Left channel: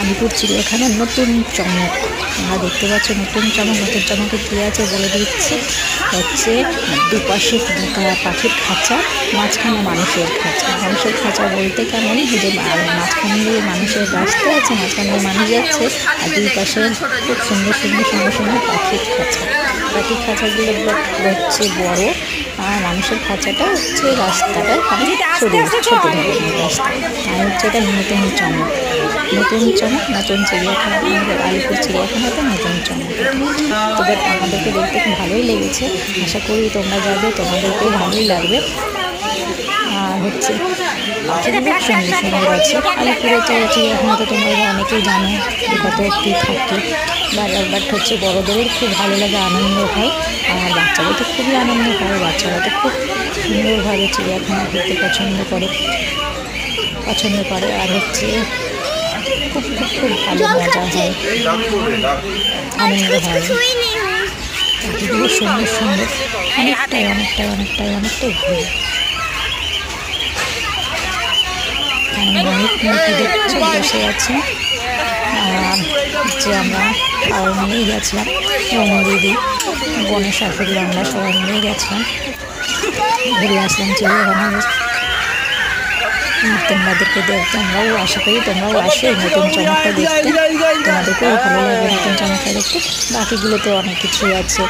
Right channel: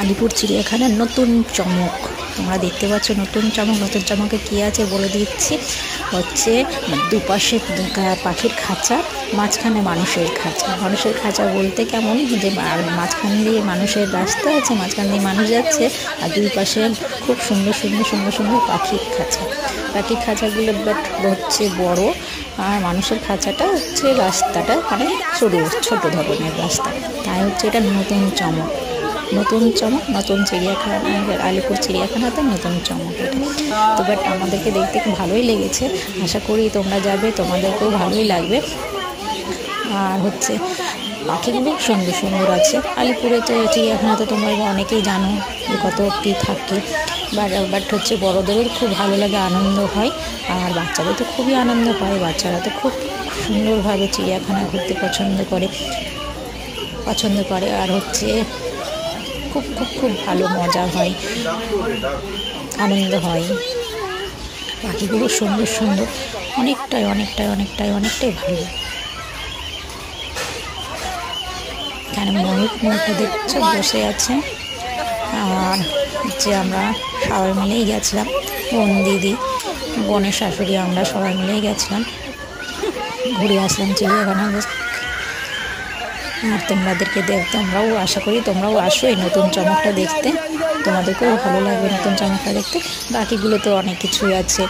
আলিপুর চিড়িয়াখানার নতুন চমক তোমরা দেখতে পাচ্ছ। নতুন চমকে কী আছে বলে দিচ্ছি। হচ্ছে দুপাশে পাখির খাঁচা, মাঝখানে মানুষের খাঁচা বলতে কেমন, যে মাঝখান দিয়ে মানুষের রাস্তা আছে, মাঝখান দিয়ে মানুষ যাচ্ছে, আর দুই পাশে খুব সুন্দর পাখির খাঁচাগুলো হচ্ছে বড়, আর মানুষের খাঁচাটা হচ্ছে রাস্তাটা মানে ছোট ধরনের রাস্তা। তাই হচ্ছে এটা নতুন চমক, নতুন চিড়িয়াখানা, আলিপুর চিড়িয়াখানাতে নতুন চমক এটা। তো বাট আমাদেরকে দেখতে খুব ভালোই লেগেছে, আশা করি তোমরা যাবে, তোমাদেরকেও ভালোই লাগবে। আর হচ্ছে পাখিগুলো সুন্দর আছে। আলিপুরের চিড়িয়াখানাতে তোমরা অনেকেই জানো যে কত কী থাকে, বাট হচ্ছে বড়োদেরও খুব ভালো লাগে, আনন্দ হয়, আর বাচ্চাদের তো খুবই আনন্দ হয়। বাচ্চারা তো খুব সুন্দরভাবে চিড়িয়াখানা ঘুরতে পছন্দ করে, আর হচ্ছে খুব ভালো মজা হয়, আনন্দ হয়। পাখিগুলো সুন্দর, অনেকটাই ভালো। এখানে ময়ূরটা দেখছো বসে আছে। আর হচ্ছে আমরা সবাই মিলেই গেছিলাম, দিদি, বোনের শাশুড়ি, আমরা সবাই মিলেই গেছিলাম, ঘুরে আসলাম চিড়িয়াখানা। আর তোমরাও আশা করি তোমরাও আসো এই নতুন চমকটা দেখতে, তোমাদেরকেও ভালো লাগবে নতুন চমকটা দেখতে। বাকিগুলো তো অনেক কিছুই আছে,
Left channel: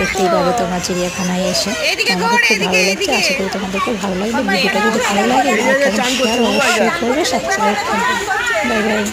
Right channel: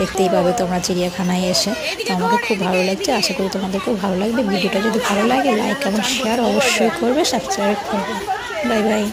দেখতেই পাবে তোমরা চিড়িয়াখানায় এসে। তো আমাকে খুব ভালো লাগছে, আশা করি তোমাদেরকেও ভালো লাগবে। ভিডিওটা যদি ভালো লাগে লাইক এবং শেয়ার অবশ্যই করবে, সাবস্ক্রাইব করবে। Bye bye.